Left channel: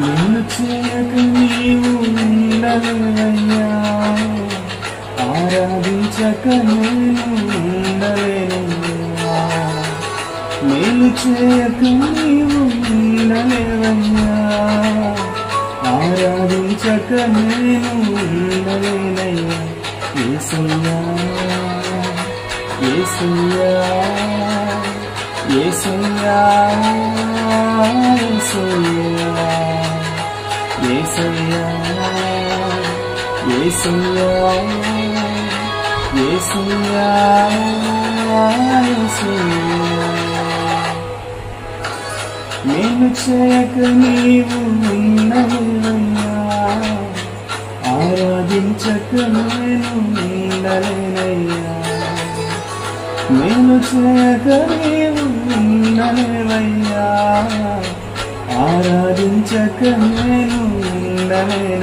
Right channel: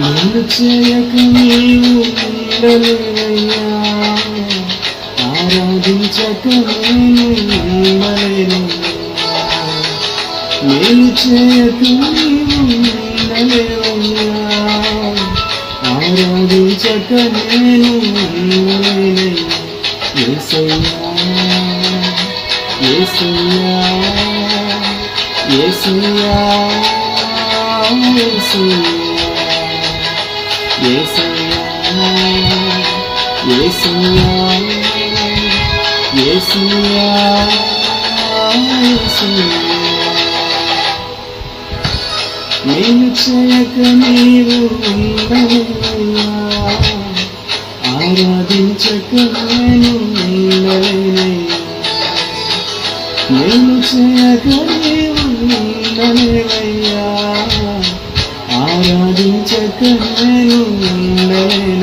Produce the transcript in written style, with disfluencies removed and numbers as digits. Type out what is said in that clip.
నేను చేయక నీవు ఉండలేవయ్యా, ఆరాధించక నేను ఉండలేనయ్యా. నేను చేయక నీవు ఉండలేవయ్యా, ఆరాధించక నేను ఉండలేనయ్యా. యేసయ్యా యేసయ్యా యేసయ్యా యేసయ్యా యేసయ్యా యేసయ్యా యేసయ్యా యేసయ్యా. నేను చేయక నీవు ఉండలేవయ్యా, ఆరాధించక నేను ఉండలేనయ్యా. నేను చేయక నీవు ఉండలేవయ్యా, ఆరాధించక నేను ఉండలేనయ్యా.